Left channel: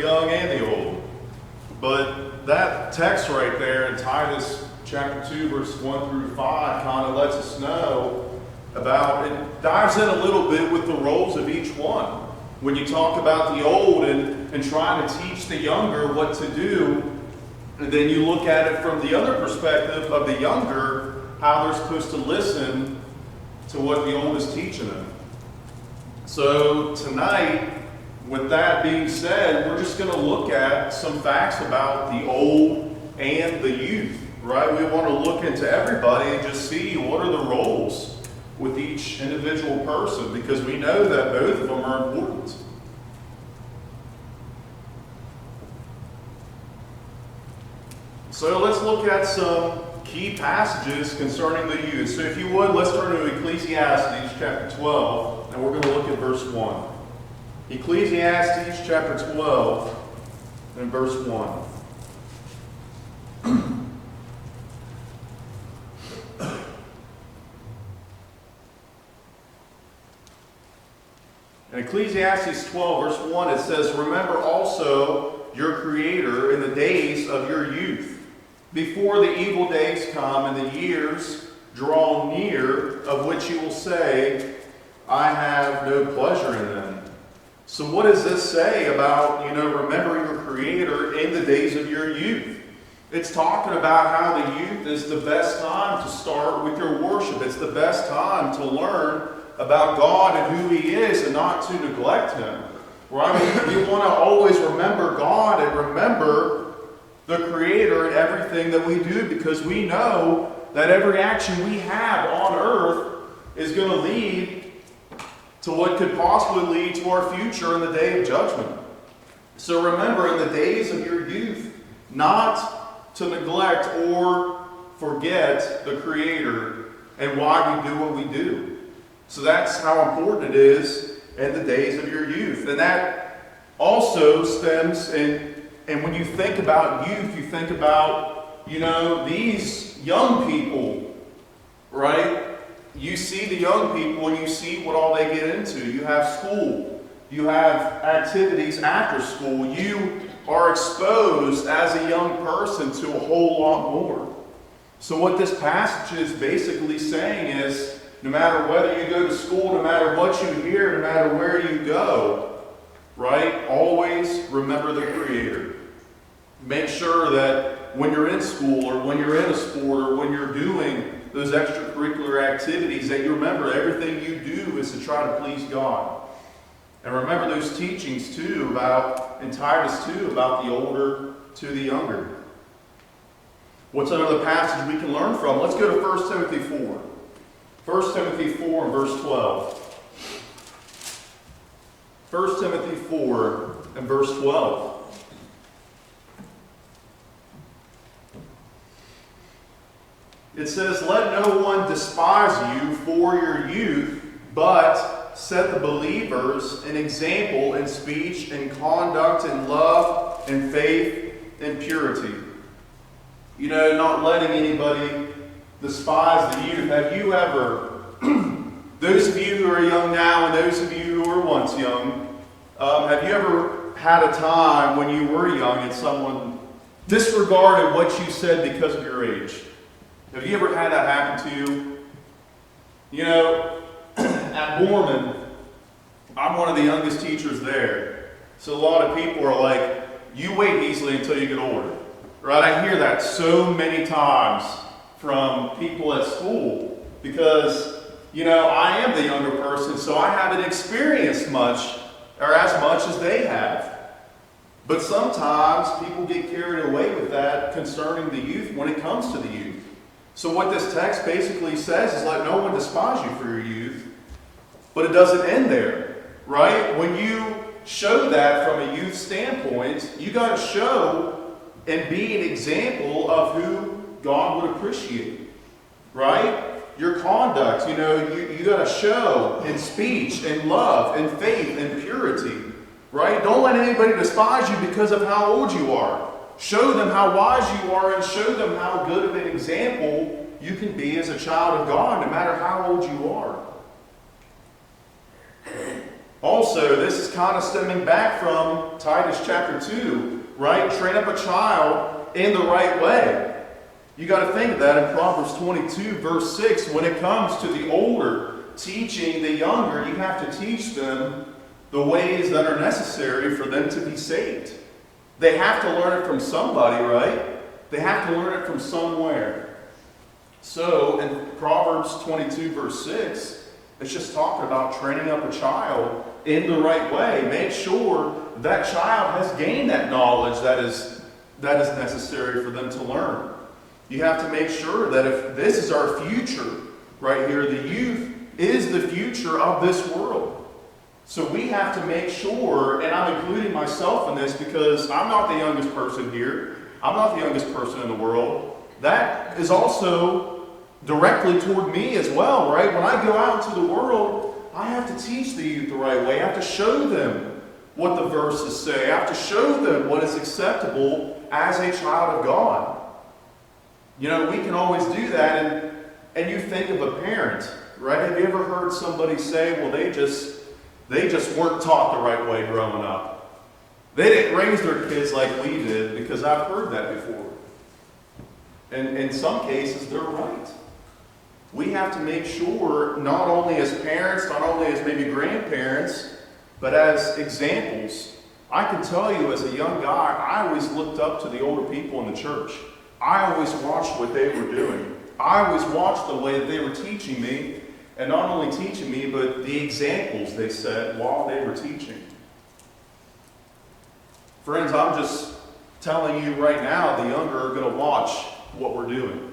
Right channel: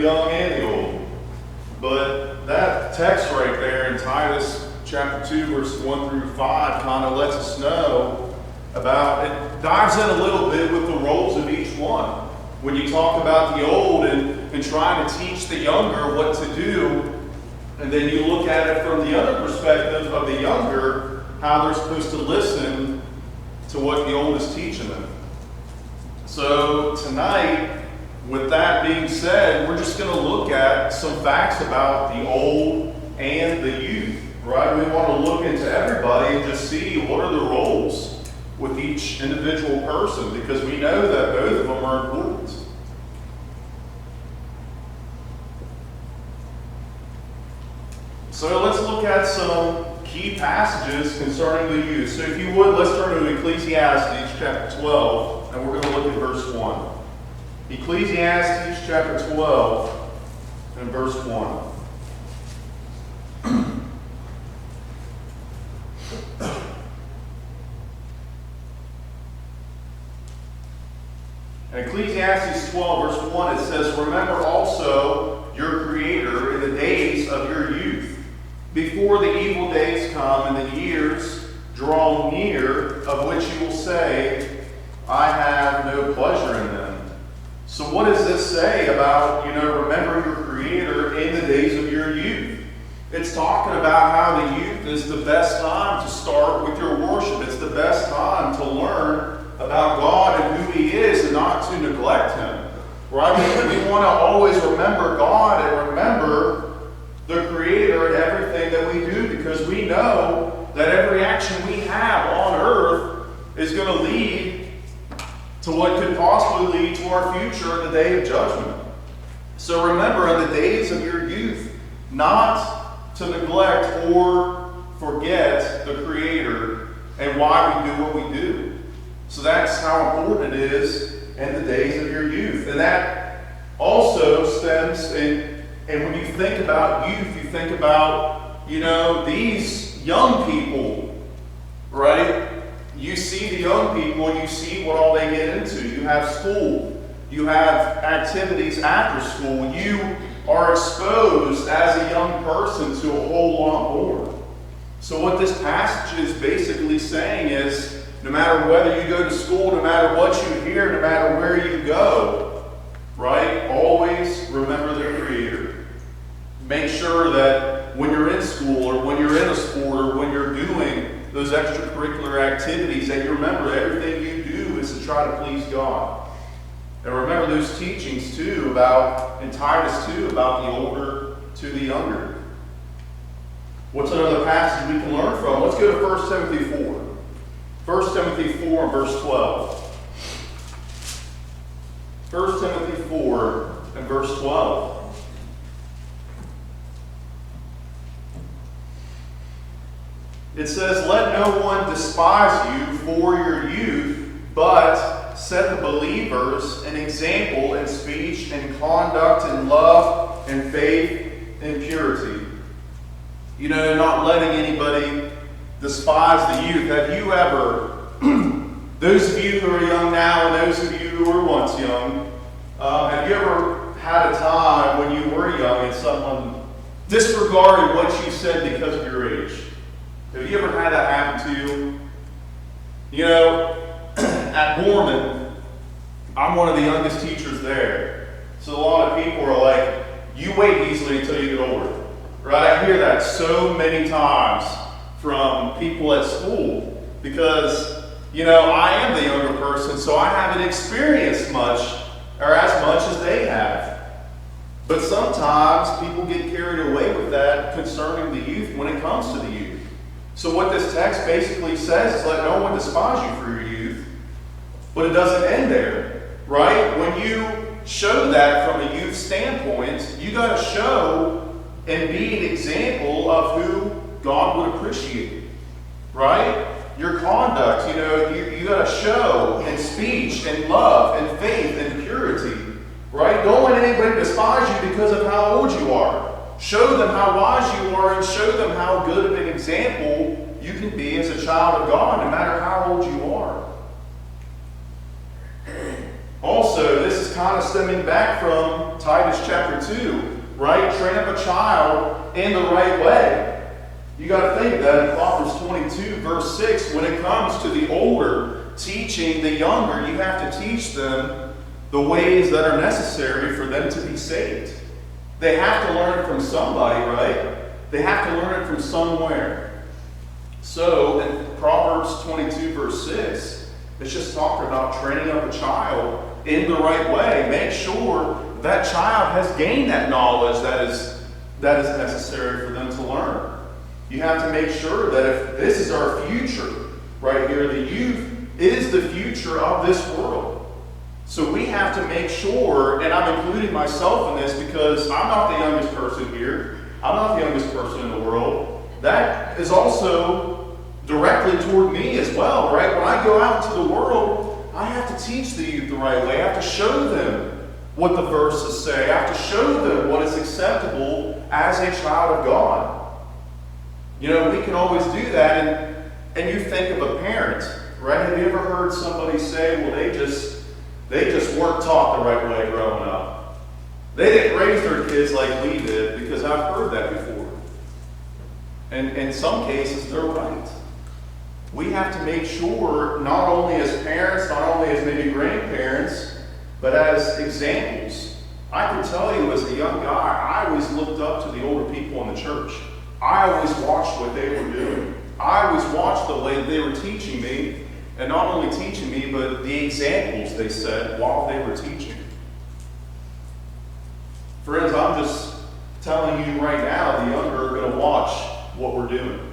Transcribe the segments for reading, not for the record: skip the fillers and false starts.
young and the old. But that text right there in Titus chapter 2, verse 1 through 5 kind of lets us know about, it dives in a little bit with the roles of each one. When you talk about the old and trying to teach the younger what to do, and then you look at it from the other perspective of the younger, how they're supposed to listen to what the old is teaching them. So tonight, with that being said, we're just going to look at some facts about the old and the youth, right? We want to look into everybody and just see what are the roles with each individual person, because we know that both of them are important. So let's look at some key passages concerning the youth. So if you would, let's turn to Ecclesiastes chapter 12, and we're going to look at verse 1. Ecclesiastes chapter 12 and verse 1. In Ecclesiastes 12 verse 1 it says, "Remember also your Creator in the days of your youth, before the evil days come and the years draw near, of which you will say, I have no pleasure in them." So what does this say about, remember your Creator in the days of your youth? It's talking about how the youth is the best time to start with your worship. It's the best time to learn about God and who He is and not to neglect Him. Right? We want to always remember God and remember the Creator in everything that we do, because we know that every action we have on earth is going to lead to what could possibly lead to our future in the day of judgment. So remember in the days of your youth not to neglect or forget the Creator and why we do what we do. So that's how important it is in the days of your youth. And that also stems and when you think about youth, you think about, these young people, right? You see the young people and you see what all they get into. You have school. You have activities after school. You are exposed as a young person to a whole lot more. So what this passage is basically saying is, no matter whether you go to school, no matter what you hear, no matter where you go, right? Always remember the Creator. Make sure that when you're in school or when you're in a sport or when you're doing those extracurricular activities, that you remember everything you do is to try to please God. And remember those teachings too in Titus 2 about the older to the younger. What's another passage we can learn from? Let's go to 1 Timothy 4. 1 Timothy 4 and verse 12. 1 Timothy 4 and verse 12. It says, "Let no one despise you for your youth, but set the believers an example in speech and conduct and love and faith and purity." Not letting anybody despise the youth. Have you ever, those of you who are young now and those of you who were once young, have you ever had a time when you were young and someone disregarded what you said because of your age? Have you ever had that happen to you? At Borman, I'm one of the youngest teachers there. So a lot of people are like, you wait, Heasley, until you get older. Right? I hear that so many times from people at school because, I am the younger person, so I haven't experienced much or as much as they have. But sometimes people get carried away with that concerning the youth when it comes to the youth. So what this text basically says is let no one despise you for your youth, but it doesn't end there, right? When you show that from a youth standpoint, you got to show and be an example of who God would appreciate, right? Your conduct, you got to show in speech and love and faith and purity, right? Don't let anybody despise you because of how old you are. Show them how wise you are and show them how good of an example you can be as a child of God, no matter how old you are. Also, this is kind of stemming back from Titus chapter 2, right? Train up a child in the right way. You got to think of that in Proverbs 22, verse 6. When it comes to the older teaching the younger, you have to teach them the ways that are necessary for them to be saved. They have to learn it from somebody, right? They have to learn it from somewhere. So, in Proverbs 22, verse 6, it's just talking about training up a child in the right way. Make sure that child has gained that knowledge that is necessary for them to learn. You have to make sure that if this is our future, right here, the youth is the future of this world. So we have to make sure, and I'm including myself in this because I'm not the youngest person here. I'm not the youngest person in the world. That is also directly toward me as well, right? When I go out into the world, I have to teach the youth the right way. I have to show them what the verses say. I have to show them what is acceptable as a child of God. You know, we can always do that, and you think of a parent, right? Have you ever heard somebody say, well, they just weren't taught the right way growing up. They didn't raise their kids like we did, because I've heard that before. And in some cases, they're right. We have to make sure, not only as parents, not only as maybe grandparents, but as examples. I can tell you as a young guy, I always looked up to the older people in the church. I always watched what they were doing. I always watched the way that they were teaching me, and not only teaching me, but the examples they set while they were teaching. Friends, I'm just telling you right now, the younger are going to watch what we're doing.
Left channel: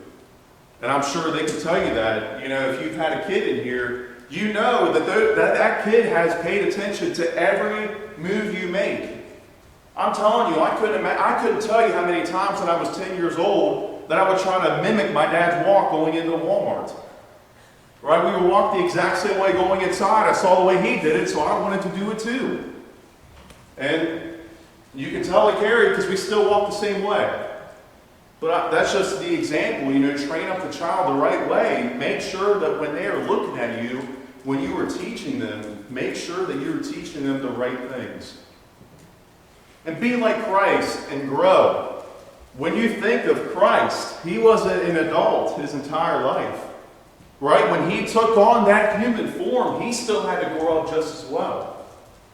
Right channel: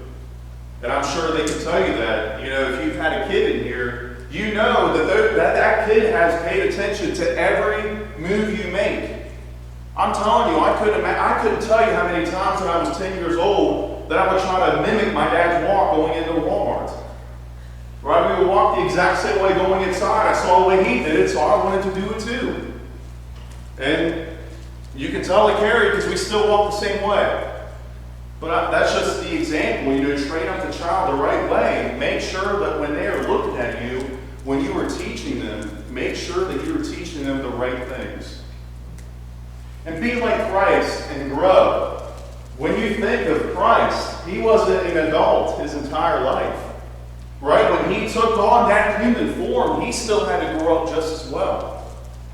And I'm sure they can tell you that. You know, if you've had a kid in here, you know that kid has paid attention to every move you make. I'm telling you, I couldn't tell you how many times when I was 10 years old that I would try to mimic my dad's walk going into Walmart. Right? We would walk the exact same way going inside. I saw the way he did it, so I wanted to do it too. And you can tell the Carrie because we still walk the same way. But that's just the example. You know, train up the child the right way. Make sure that when they are looking at you, when you are teaching them, make sure that you're teaching them the right things. And be like Christ and grow. When you think of Christ, he wasn't an adult his entire life. Right? When he took on that human form, he still had to grow up just as well.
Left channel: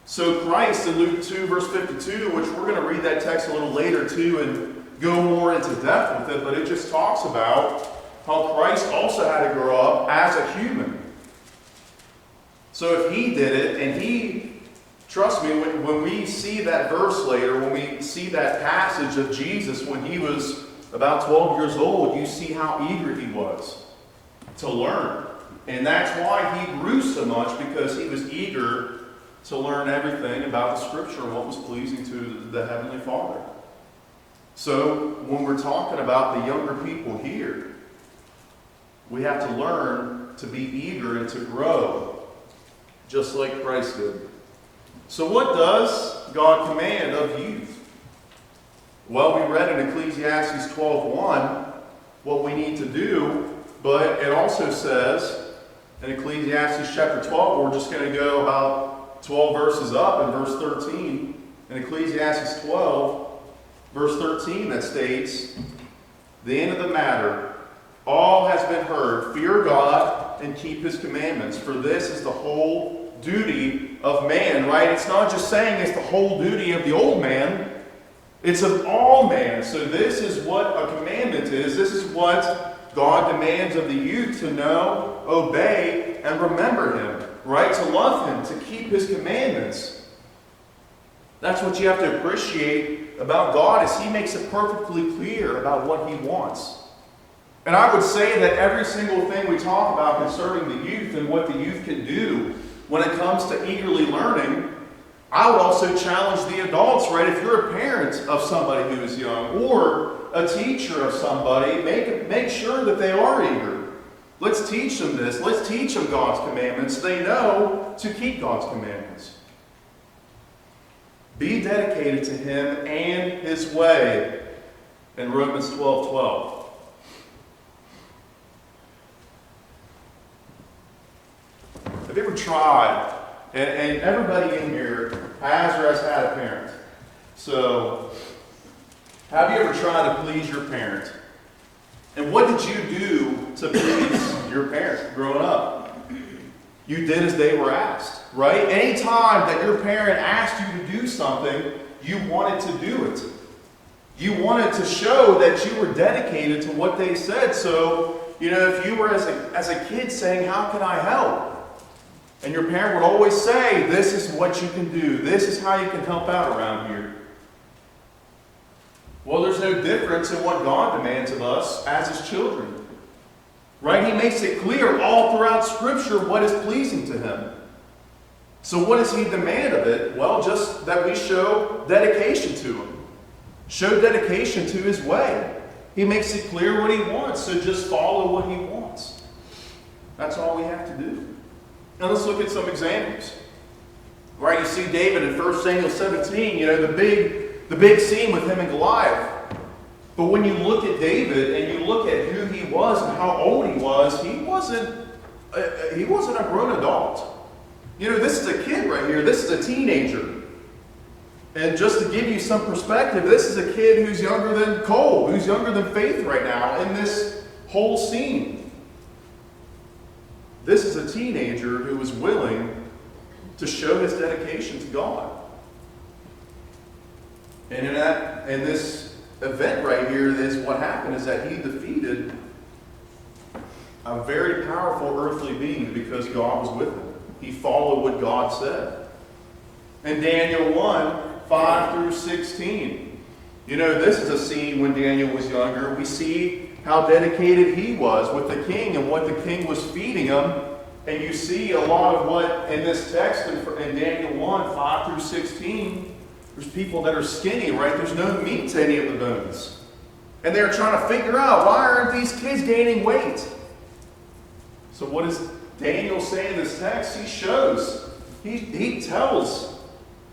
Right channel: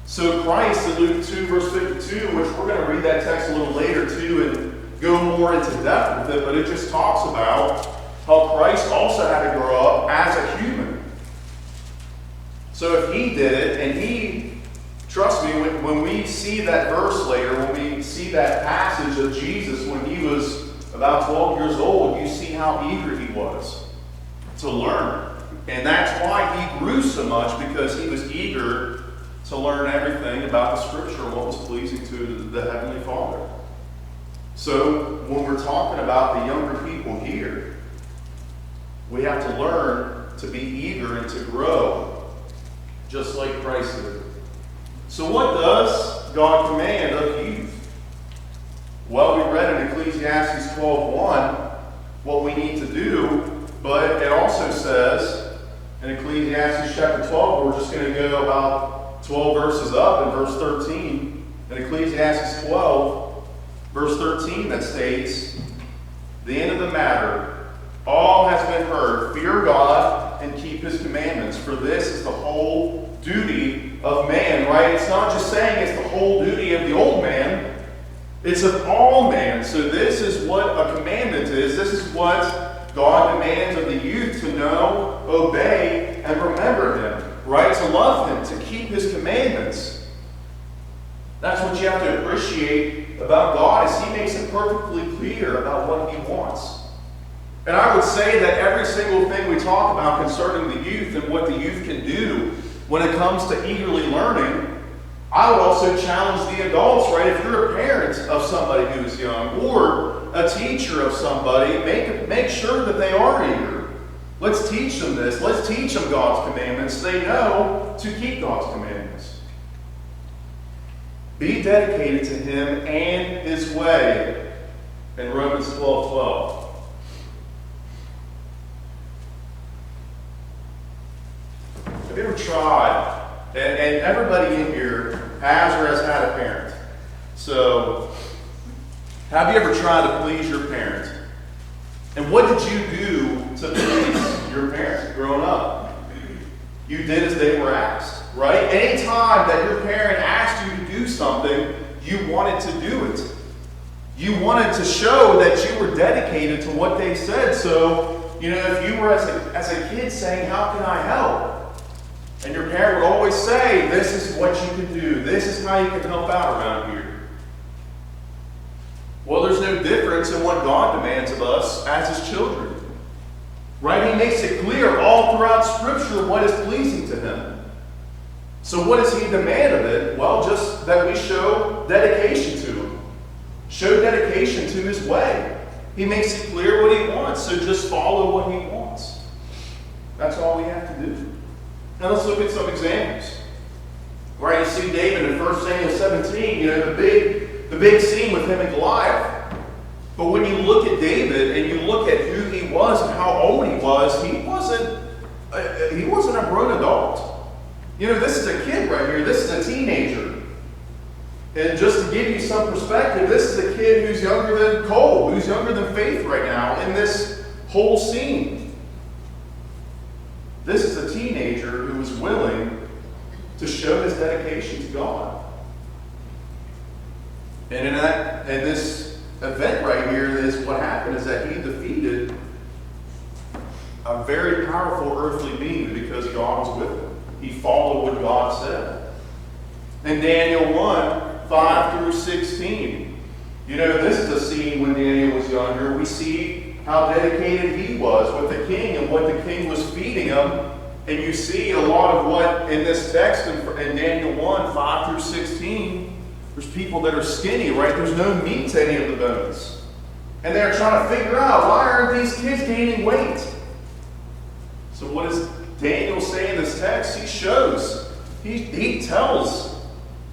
So Christ in Luke 2, verse 52, which we're going to read that text a little later too, and go more into depth with it, but it just talks about how Christ also had to grow up as a human. So if he did it, and he, trust me, when we see that verse later, when we see that passage of Jesus when he was about 12 years old, you see how eager he was to learn. And that's why he grew so much, because he was eager to learn everything about the Scripture, what was pleasing to the Heavenly Father. So when we're talking about the younger people here, we have to learn to be eager and to grow, just like Christ did. So what does God command of youth? Well, we read in Ecclesiastes 12:1 what we need to do, but it also says in Ecclesiastes chapter 12, we're just going to go about 12 verses up in verse 13. In Ecclesiastes 12, verse 13, that states, the end of the matter, all has been heard. Fear God and keep his commandments, for this is the whole duty of man, right? It's not just saying it's the whole duty of the old man. It's of all man. So this is what a commandment is. This is what God demands of the youth, to know, obey, and remember him, right? To love him, to keep his commandments. That's what you have to appreciate about God, is he makes it perfectly clear about what he wants. And I would say that every single thing we talk about concerning the youth and what the youth can do when it comes to eagerly learning, I would also challenge the adults, right? If you're a parent of somebody who is young, or a teacher of somebody, make sure that they are eager. Let's teach them this. Let's teach them God's commandments. They know to keep God's commandments. Be dedicated to him and his way in Romans 12:12. Have you ever tried And everybody in here has or has had a parent. So, have you ever tried to please your parent? And what did you do to please your parent growing up? You did as they were asked, right? Any time that your parent asked you to do something, you wanted to do it. You wanted to show that you were dedicated to what they said. So, if you were as a kid saying, "How can I help?" And your parent would always say, "This is what you can do. This is how you can help out around here." Well, there's no difference in what God demands of us as His children. Right? He makes it clear all throughout Scripture what is pleasing to Him. So what does He demand of it? Well, just that we show dedication to Him. Show dedication to His way. He makes it clear what He wants, so just follow what He wants. That's all we have to do. Now let's look at some examples. Right, you see David in 1 Samuel 17, the big scene with him and Goliath. But when you look at David and you look at who he was and how old he wasn't a grown adult. This is a kid right here. This is a teenager. And just to give you some perspective, this is a kid who's younger than Cole, who's younger than Faith right now in this whole scene. This is a teenager who is willing to show his dedication to God. And in this event right here, what happened is that he defeated a very powerful earthly being because God was with him. He followed what God said. In Daniel 1:5-16, this is a scene when Daniel was younger. We see how dedicated he was with the king and what the king was feeding him. And you see a lot of what in this text in Daniel 1:5-16, there's people that are skinny, right? There's no meat to any of the bones. And they're trying to figure out, why aren't these kids gaining weight? So what does Daniel say in this text? He shows, he tells,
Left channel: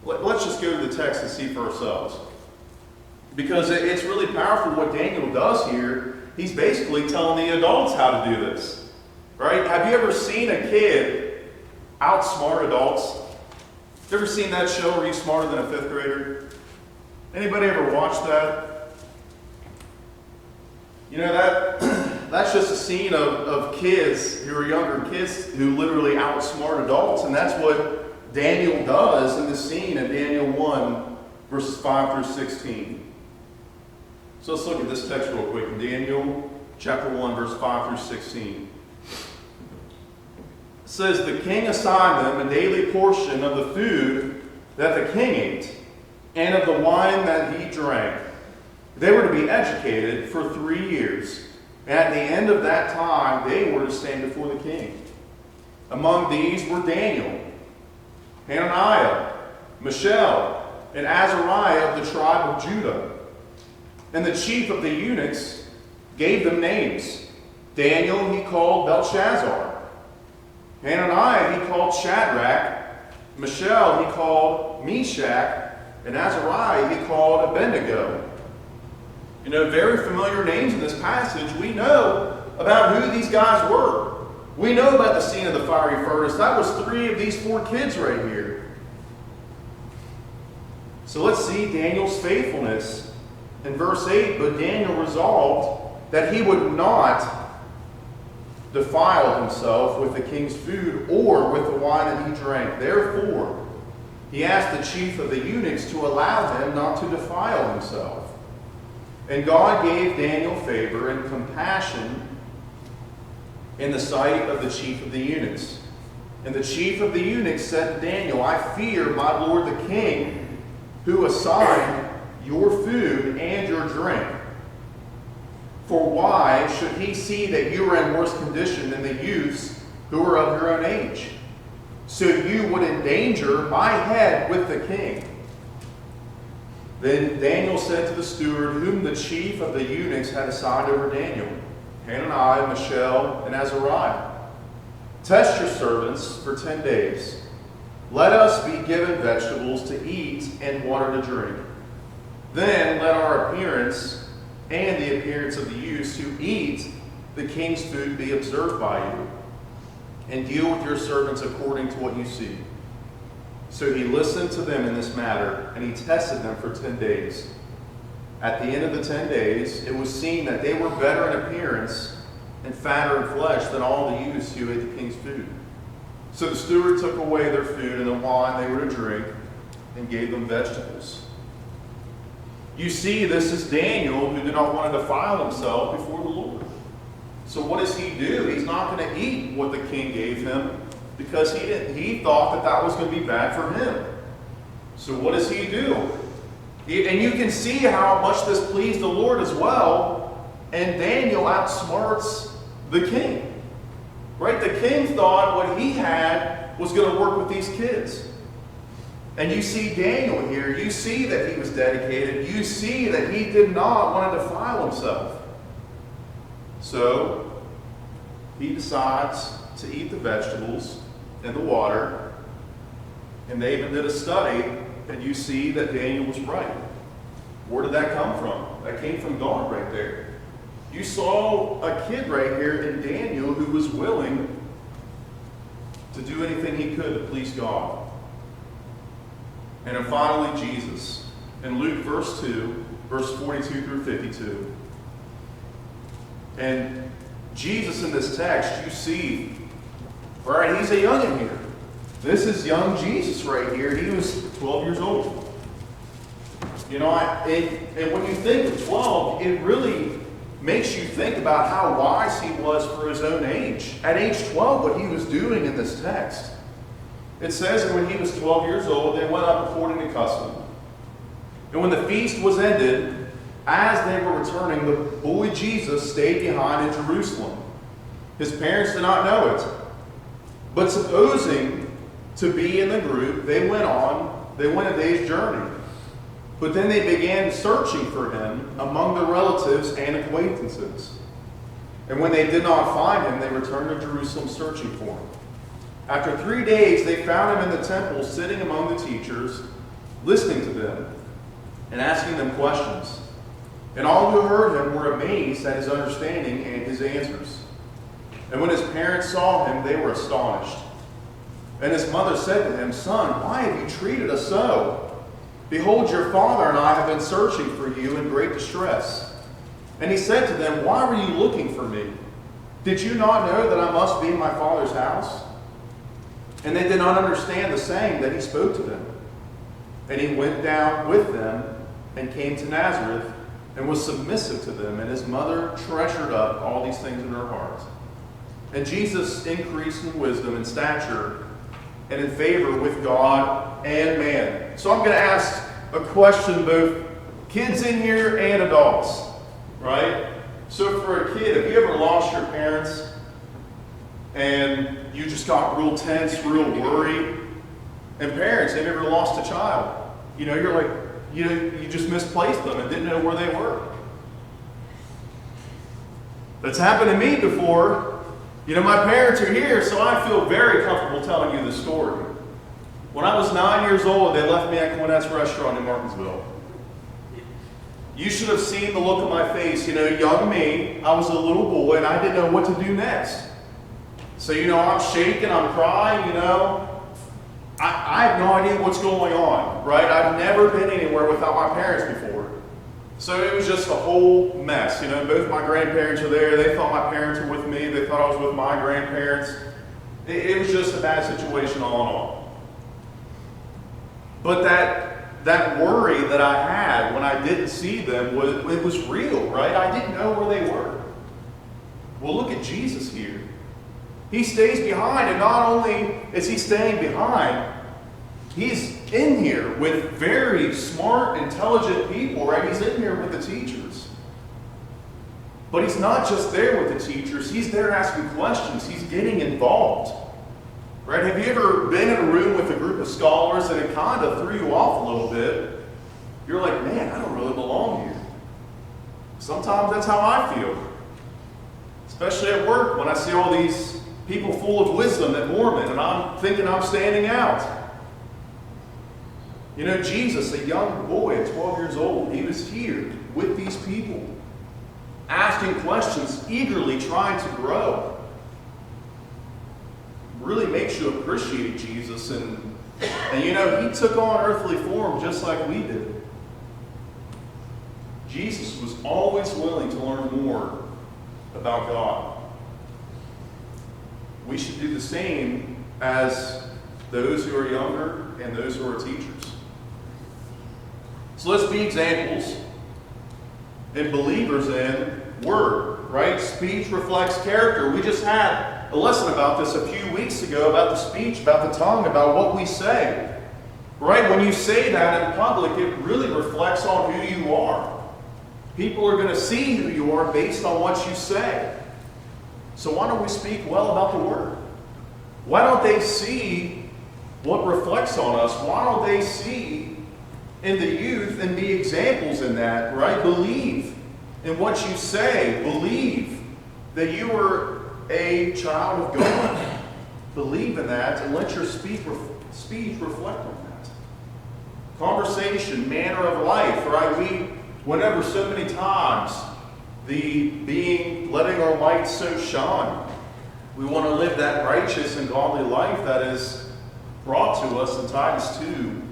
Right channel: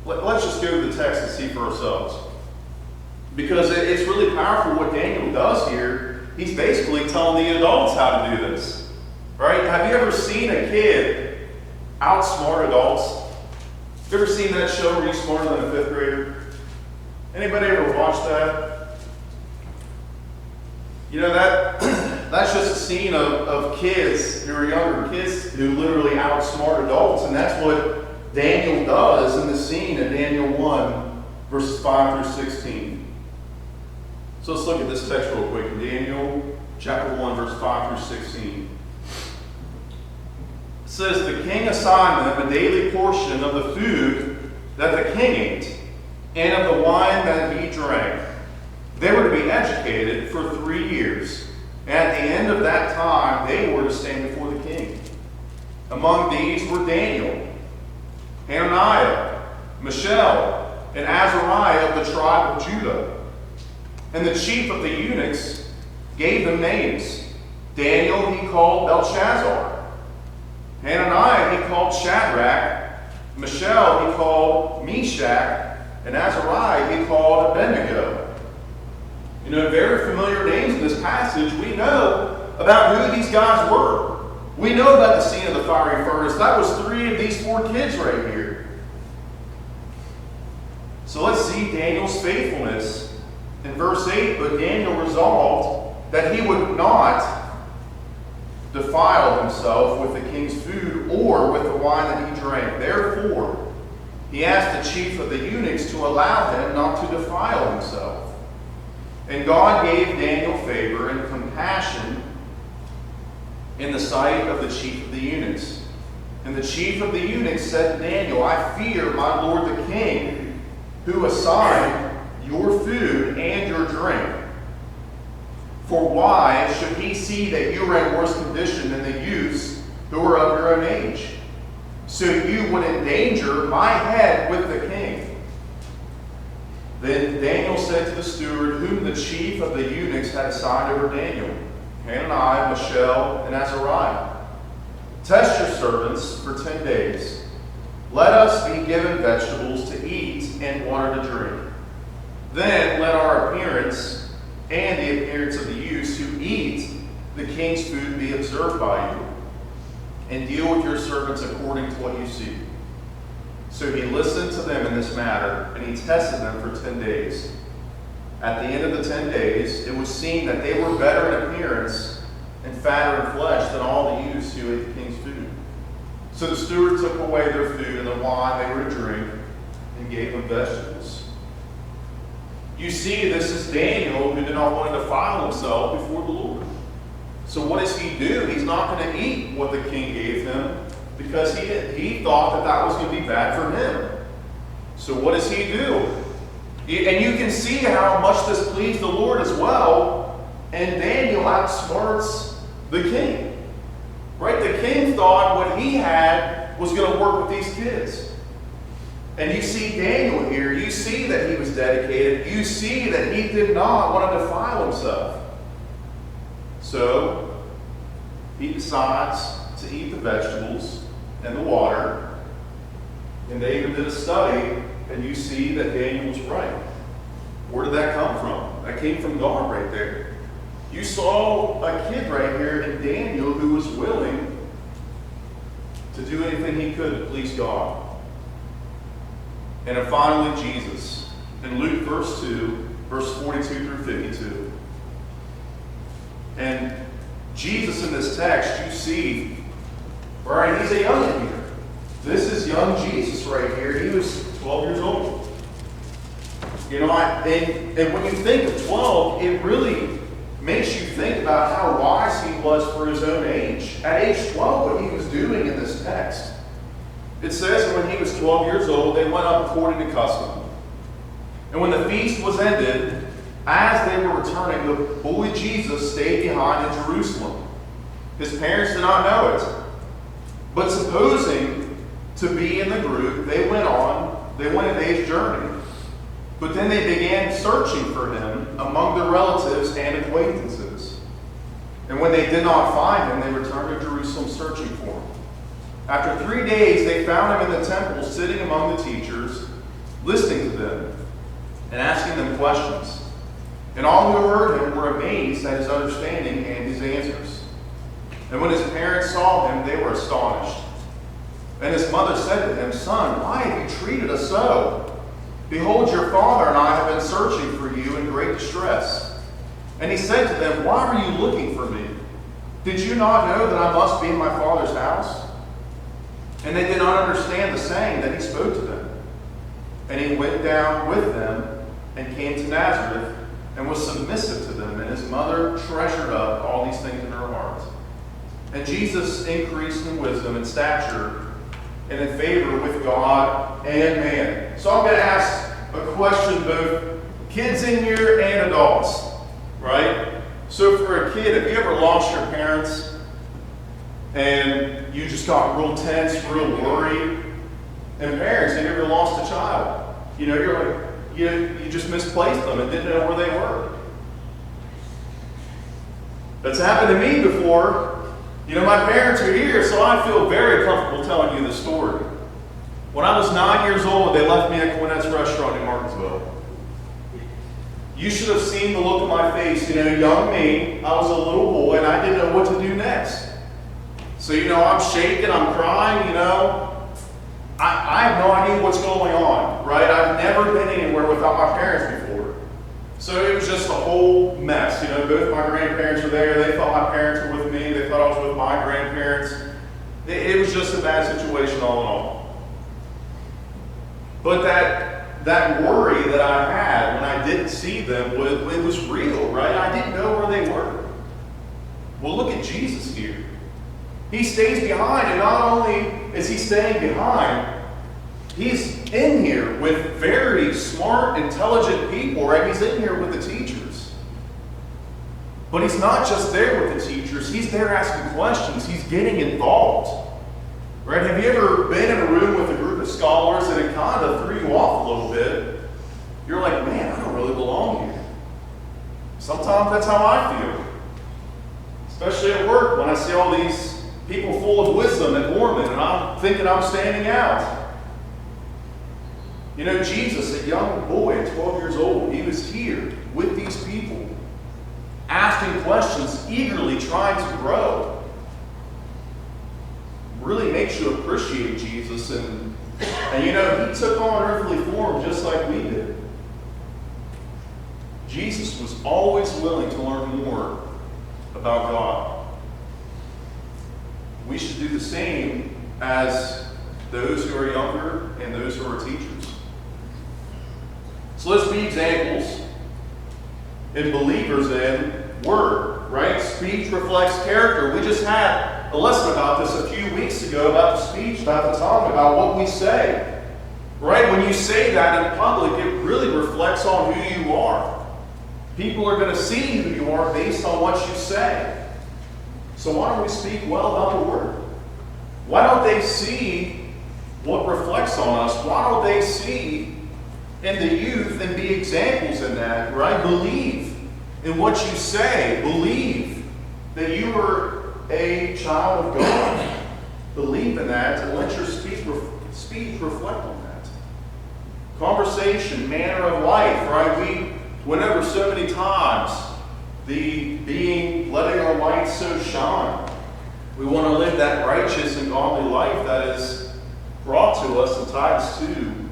let's just go to the text and see for ourselves. Because it's really powerful what Daniel does here. He's basically telling the adults how to do this. Right? Have you ever seen a kid outsmart adults? You ever seen that show where you're smarter than a 5th grader? Anybody ever watched that? That's just a scene of kids who are younger kids who literally outsmart adults. And that's what Daniel does in the scene in Daniel 1:5-16. So let's look at this text real quick. Daniel chapter 1:5-16. It says, "The king assigned them a daily portion of the food that the king ate, and of the wine that he drank. They were to be educated for 3 years, and at the end of that time they were to stand before the king. Among these were Daniel, Hananiah, Mishael, and Azariah of the tribe of Judah. And the chief of the eunuchs gave them names. Daniel he called Belshazzar. Hananiah he called Shadrach. Mishael he called Meshach. And Azariah he called Abednego." Very familiar names in this passage. We know about who these guys were. We know about the scene of the fiery furnace. That was 3 of these 4 kids right here. So let's see Daniel's faithfulness. In verse 8, "But Daniel resolved that he would not defile himself with the king's food or with the wine that he drank. Therefore, he asked the chief of the eunuchs to allow him not to defile himself. And God gave Daniel favor and compassion in the sight of the chief of the eunuchs. And the chief of the eunuchs said to Daniel, I fear my lord the king, who assigned your food and your drink. For why should he see that you are in worse condition than the youths who are of your own age? So you would endanger my head with the king. Then Daniel said to the steward, whom the chief of the eunuchs had assigned over Daniel, Hananiah, Mishael, and Azariah, test your servants for 10 days. Let us be given vegetables to eat and water to drink. Then let our appearance and the appearance of the youths who eat the king's food be observed by you. And deal with your servants according to what you see. So he listened to them in this matter, and he tested them for 10 days. At the end of the 10 days, it was seen that they were better in appearance and fatter in flesh than all the youths who ate the king's food. So the steward took away their food and the wine they were to drink and gave them vegetables. You see, this is Daniel who did not want to defile himself before the Lord. So what does he do? He's not going to eat what the king gave him because he thought that that was going to be bad for him. So what does he do? And you can see how much this pleased the Lord as well. And Daniel outsmarts the king. Right? The king thought what he had was going to work with these kids. And you see Daniel here. You see that he was dedicated. You see that he did not want to defile himself. So he decides to eat the vegetables and the water. And they even did a study, and you see that Daniel was right. Where did that come from? That came from God right there. You saw a kid right here in Daniel who was willing to do anything he could to please God. And then finally, Jesus. In Luke verse 2, verse 42 through 52. And Jesus in this text, you see, all right, he's a youngin' here. This is young Jesus right here. He was 12 years old. You know, and when you think of 12, it really makes you think about how wise he was for his own age. At age 12, what he was doing in this text. It says when he was 12 years old, they went up according to custom. And when the feast was ended, as they were returning, the boy Jesus stayed behind in Jerusalem. His parents did not know it. But supposing to be in the group, they went a day's journey. But then they began searching for him among their relatives and acquaintances. And when they did not find him, they returned to Jerusalem searching for him. After 3 days, they found him in the temple, sitting among the teachers, listening to them and asking them questions. And all who heard him were amazed at his understanding and his answers. And when his parents saw him, they were astonished. And his mother said to him, "Son, why have you treated us so? Behold, your father and I have been searching for you in great distress." And he said to them, "Why were you looking for me? Did you not know that I must be in my father's house?" And they did not understand the saying that he spoke to them. And he went down with them and came to Nazareth and was submissive to them. And his mother treasured up all these things in her heart. And Jesus increased in wisdom and stature and in favor with God and man. So I'm going to ask a question, both kids in here and adults, right? So for a kid, have you ever lost your parents and you just got real tense, real worried? And parents, have you ever lost a child? You know, you're like, you just misplaced them and didn't know where they were. That's happened to me before. You know, my parents are here, so I feel very comfortable telling you the story. When I was 9 years old, they left me at Gwinnett's restaurant in Martinsville. You should have seen the look on my face. You know, young me, I was a little boy, and I didn't know what to do next. So, you know, I'm shaking, I'm crying, you know. I have no idea what's going on, right? I've never been anywhere without my parents before. So it was just a whole mess. You know, both my grandparents were there. They thought my parents were with me. They thought I was with my grandparents. It was just a bad situation all in all. But that worry that I had when I didn't see them, it was real, right? I didn't know where they were. Well, look at Jesus here. He stays behind, and not only is he staying behind, he's in here with very smart, intelligent people, right? He's in here with the teachers. But he's not just there with the teachers. He's there asking questions. He's getting involved. Right? Have you ever been in a room with a group of scholars and it kind of threw you off a little bit? You're like, man, I don't really belong here. Sometimes that's how I feel. Especially at work when I see all these people full of wisdom at Mormon and I'm thinking I'm standing out. You know, Jesus, a young boy, 12 years old, he was here with these people, asking questions, eagerly trying to grow. Really makes you appreciate Jesus and And you know, he took on earthly form just like we did. Jesus was always willing to learn more about God. We should do the same as those who are younger and those who are teachers. So let's be examples and believers in word, right? Speech reflects character. We just had a lesson about this a few weeks ago about the speech, about the tongue, about what we say. Right? When you say that in public, it really reflects on who you are. People are going to see who you are based on what you say. So why don't we speak well about the word? Why don't they see what reflects on us? Why don't they see in the youth and be examples in that, right? Believe in what you say. Believe that you are a child of God. Believe in that and let your speech reflect on that. Conversation, manner of life, right? We went over so many times letting our light so shine. We want to live that righteous and godly life that is brought to us in Titus 2,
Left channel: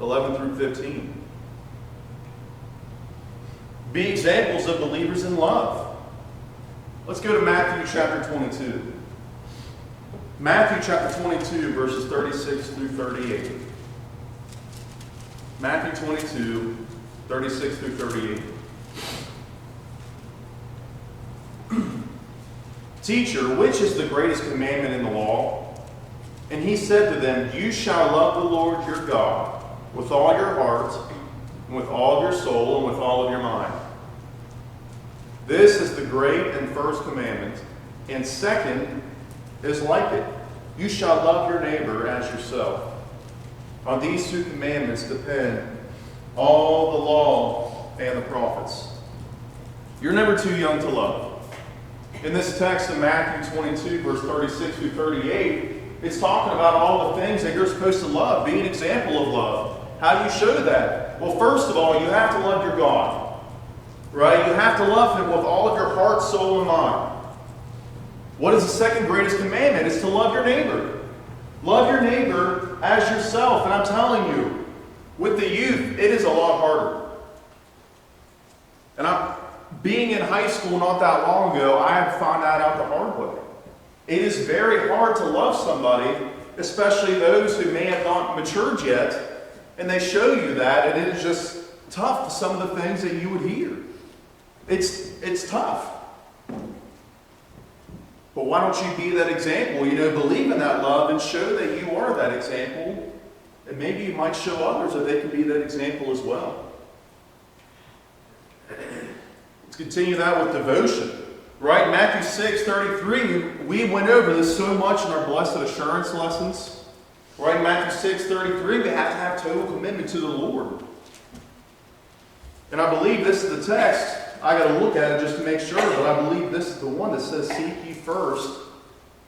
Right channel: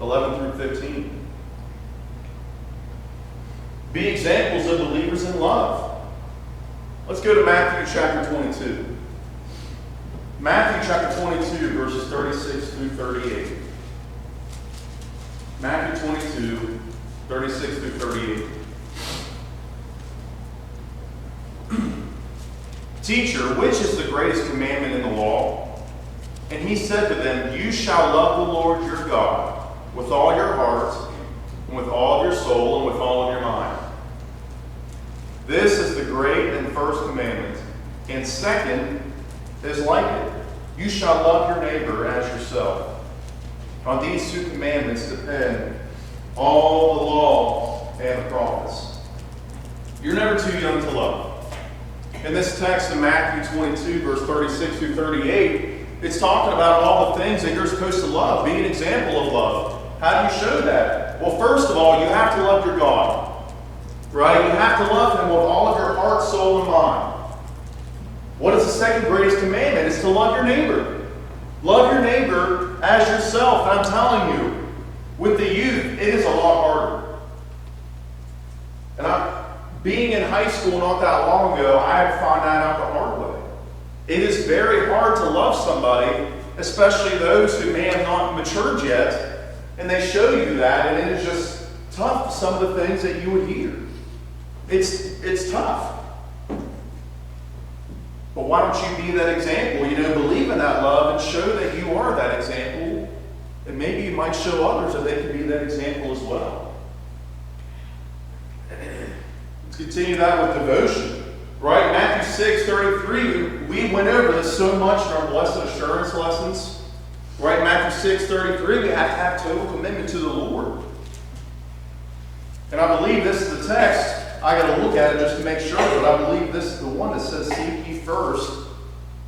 11 through 15. Be examples of believers in love. Let's go to Matthew chapter 22. Matthew chapter 22, verses 36 through 38. Matthew 22, 36 through 38. Teacher, which is the greatest commandment in the law? And he said to them, you shall love the Lord your God with all your heart, and with all your soul, and with all of your mind. This is the great and first commandment. And second is like it. You shall love your neighbor as yourself. On these two commandments depend all the law and the prophets. You're never too young to love. In this text in Matthew 22, verse 36 through 38, it's talking about all the things that you're supposed to love. Be an example of love. How do you show that? Well, first of all, you have to love your God. Right? You have to love Him with all of your heart, soul, and mind. What is the second greatest commandment? It's to love your neighbor. Love your neighbor as yourself. And I'm telling you, with the youth, it is a lot harder. And being in high school not that long ago, I had to find that out the hard way. It is very hard to love somebody, especially those who may have not matured yet, and they show you that, and it is just tough, some of the things that you would hear. It's tough. But why don't you be that example? You know, believe in that love and show that you are that example. And maybe you might show others that they can be that example as well. Let's continue that with devotion. Right? Matthew 6:33, we went over this so much in our Blessed Assurance lessons. Right? Matthew 6:33, we have to have total commitment to the Lord. And I believe this is the text. I got to look at it just to make sure, but I believe this is the one that says, seek ye first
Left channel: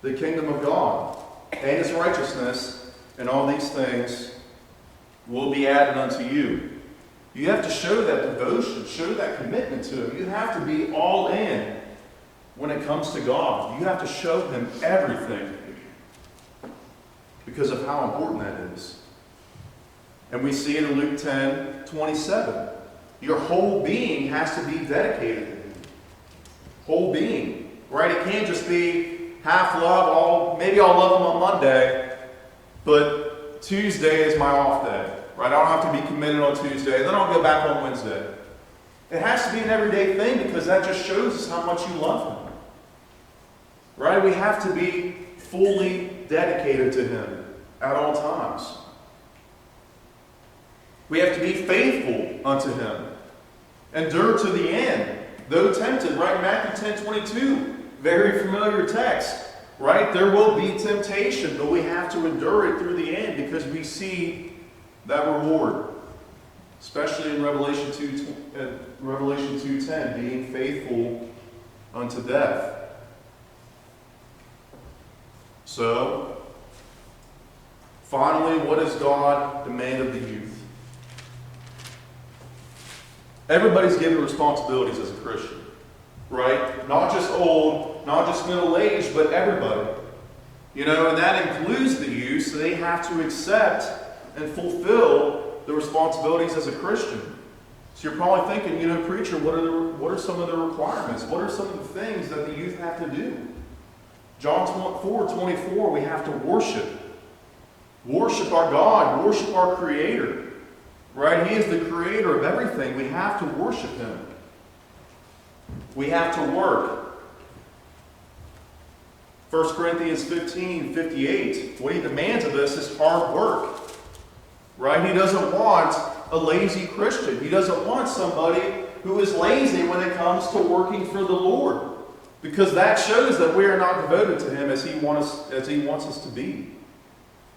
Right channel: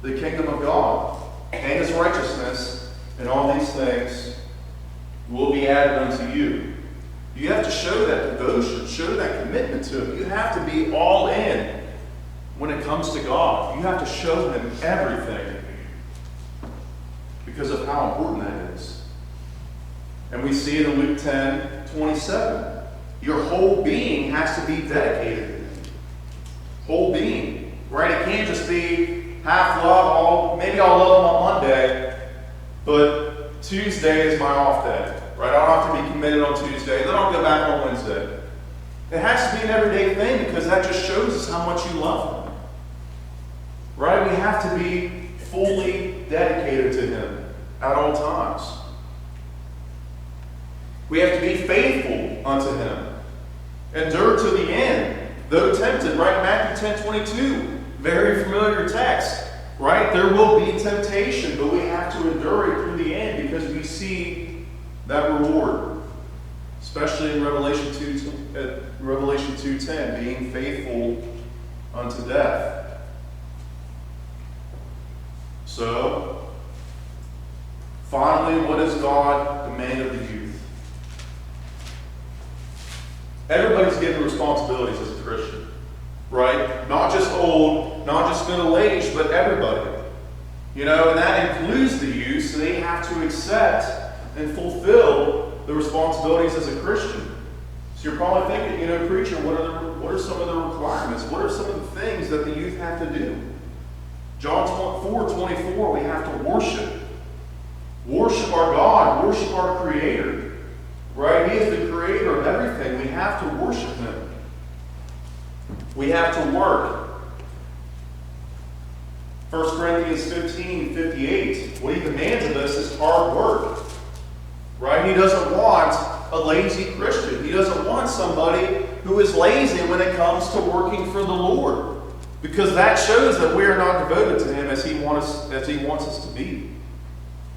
the kingdom of God and His righteousness, and all these things will be added unto you. You have to show that devotion, show that commitment to Him. You have to be all in when it comes to God. You have to show Him everything because of how important that is. And we see in Luke 10:27, your whole being has to be dedicated to Him. Whole being, right? It can't just be half love. Maybe I'll love Him on Monday, but Tuesday is my off day. Right? I don't have to be committed on Tuesday, and then I'll go back on Wednesday. It has to be an everyday thing because that just shows us how much you love Him. Right? We have to be fully dedicated to Him at all times. We have to be faithful unto Him. Endure to the end, though tempted. Right? Matthew 10:22, very familiar text. Right? There will be temptation, but we have to endure it through the end because we see that reward, especially in Revelation 2:10, being faithful unto death. So, finally, what does God demand of the youth? Everybody's given responsibilities as a Christian, right? Not just old, not just middle-aged, but everybody. And that includes the youth, so they have to accept and fulfill the responsibilities as a Christian. So you're probably thinking, preacher, what are some of the requirements? What are some of the things that the youth have to do? John 4:24, we have to worship. Worship our God, worship our Creator. Right? He is the creator of everything. We have to worship Him. We have to work. 1 Corinthians 15:58. What He demands of us is hard work. Right? He doesn't want a lazy Christian. He doesn't want somebody who is lazy when it comes to working for the Lord. Because that shows that we are not devoted to Him as He wants us to be.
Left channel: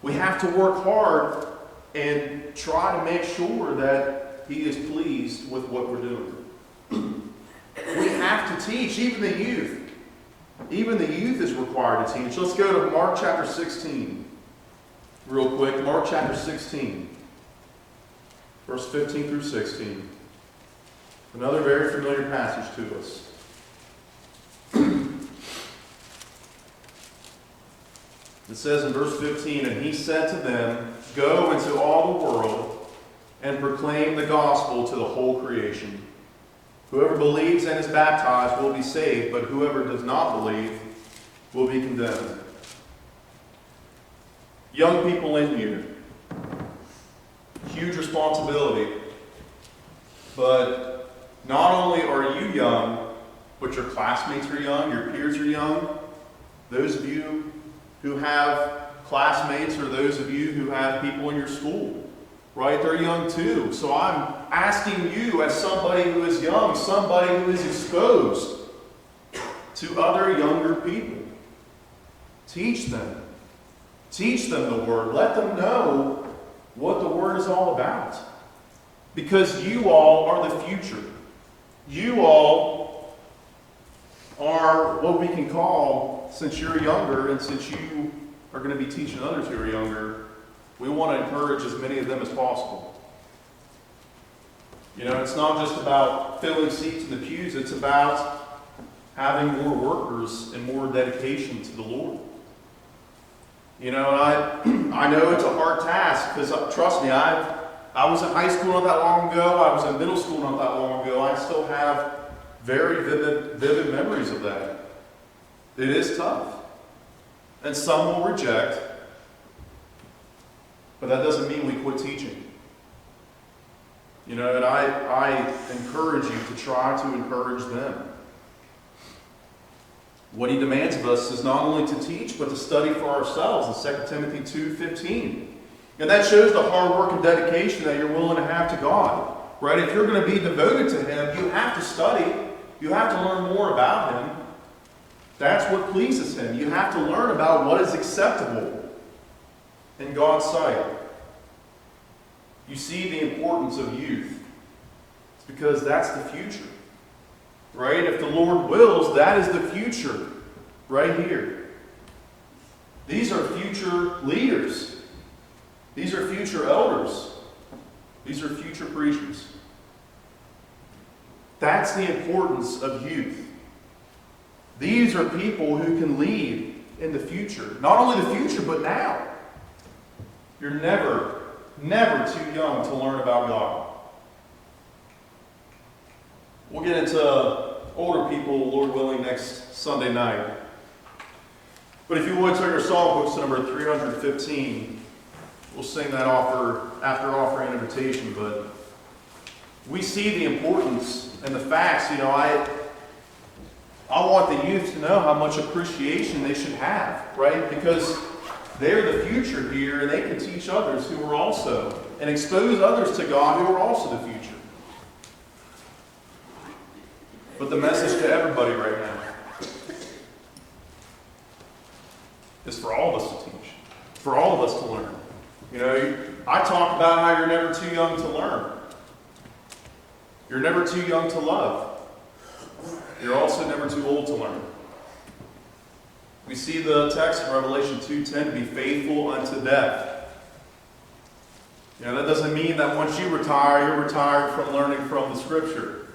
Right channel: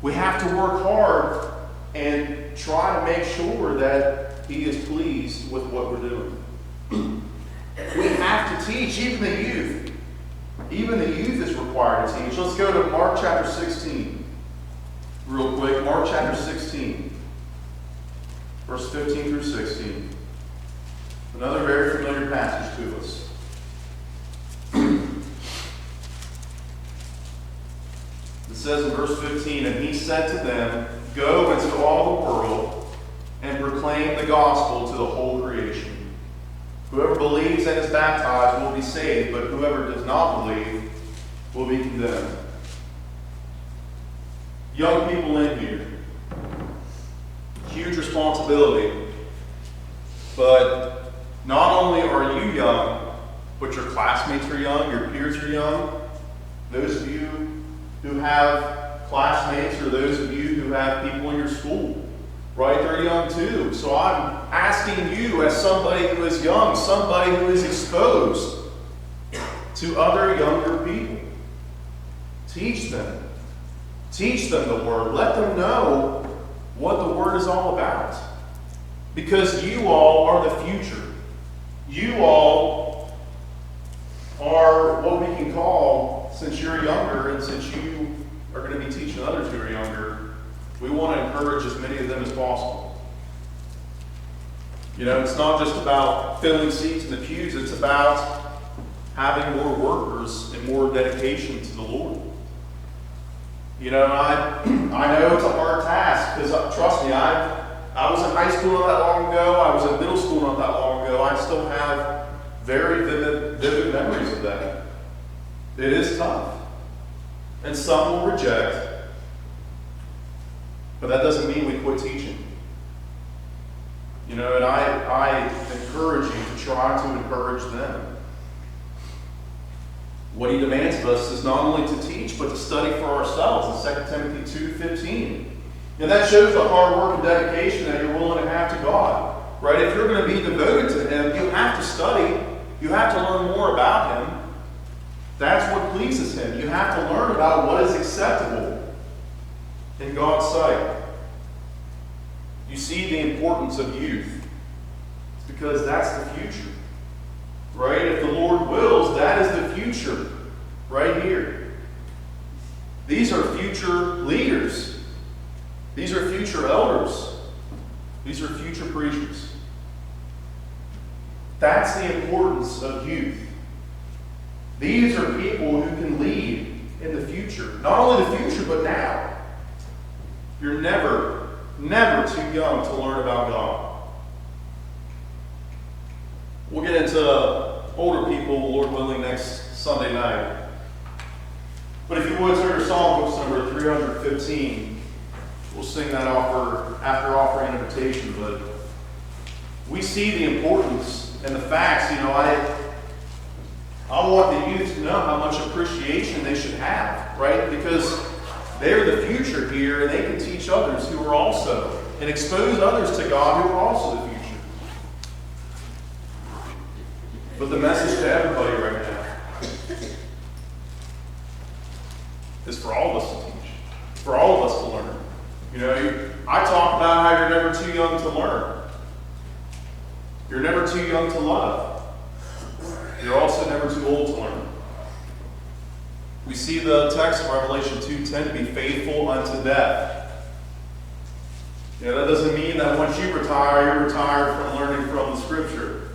We have to work hard and try to make sure that He is pleased with what we're doing. We have to teach, even the youth. Even the youth is required to teach. Let's go to Mark chapter 16. Real quick, Mark chapter 16. Verse 15 through 16. Another very familiar passage to us. It says in verse 15, "And He said to them, Go into all the world and proclaim the gospel to the whole creation. Whoever believes and is baptized will be saved, but whoever does not believe will be condemned." Young people in here, huge responsibility. But not only are you young, but your classmates are young, your peers are young. Those of you who have classmates or those of you who have people in your school, right? They're young too. So I'm asking you as somebody who is young, somebody who is exposed to other younger people. Teach them. Teach them the Word. Let them know what the Word is all about. Because you all are the future. You all are what we can call, since you're younger and since you are going to be teaching others who are younger, we want to encourage as many of them as possible. It's not just about filling seats in the pews, it's about having more workers and more dedication to the Lord. I know it's a hard task because, trust me, I was in high school not that long ago, I was in middle school not that long ago, I still have very vivid memories of that. It is tough. And some will reject, but that doesn't mean we quit teaching. And I encourage you to try to encourage them. What He demands of us is not only to teach, but to study for ourselves in 2 Timothy 2:15. And that shows the hard work and dedication that you're willing to have to God. Right? If you're going to be devoted to Him, you have to study. You have to learn more about Him. That's what pleases Him. You have to learn about what is acceptable in God's sight. You see the importance of youth. It's because that's the future. Right? If the Lord wills, that is the future. Right here. These are future leaders. These are future elders. These are future preachers. That's the importance of youth. These are people who can lead in the future. Not only the future, but now. You're never too young to learn about God. We'll get into older people, Lord willing, next Sunday night. But if you would, turn your song books number 315. We'll sing that after offering an invitation. But we see the importance and the facts. I want the youth to know how much appreciation they should have, right? Because they're the future here, and they can teach others who are also, and expose others to God who are also the future. But the message to everybody right now is for all of us to teach, for all of us to learn. I talk about how you're never too young to learn. You're never too young to love. You're also never too old to learn. We see the text in Revelation 2:10 to be faithful unto death. That doesn't mean that once you retire, you're retired from learning from the Scripture.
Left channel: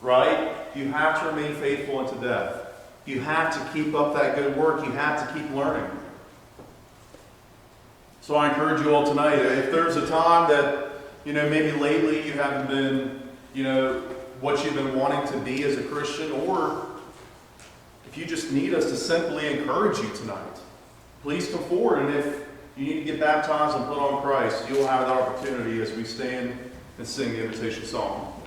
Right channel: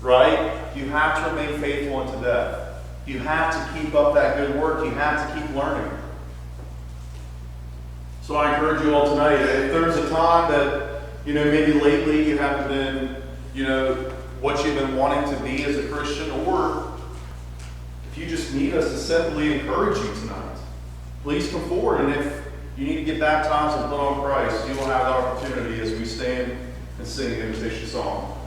Right? You have to remain faithful unto death. You have to keep up that good work. You have to keep learning. So I encourage you all tonight, if there's a time that, maybe lately you haven't been, what you've been wanting to be as a Christian, or if you just need us to simply encourage you tonight, please come forward. And if you need to get baptized and put on Christ, you will have the opportunity as we stand and sing the invitation song.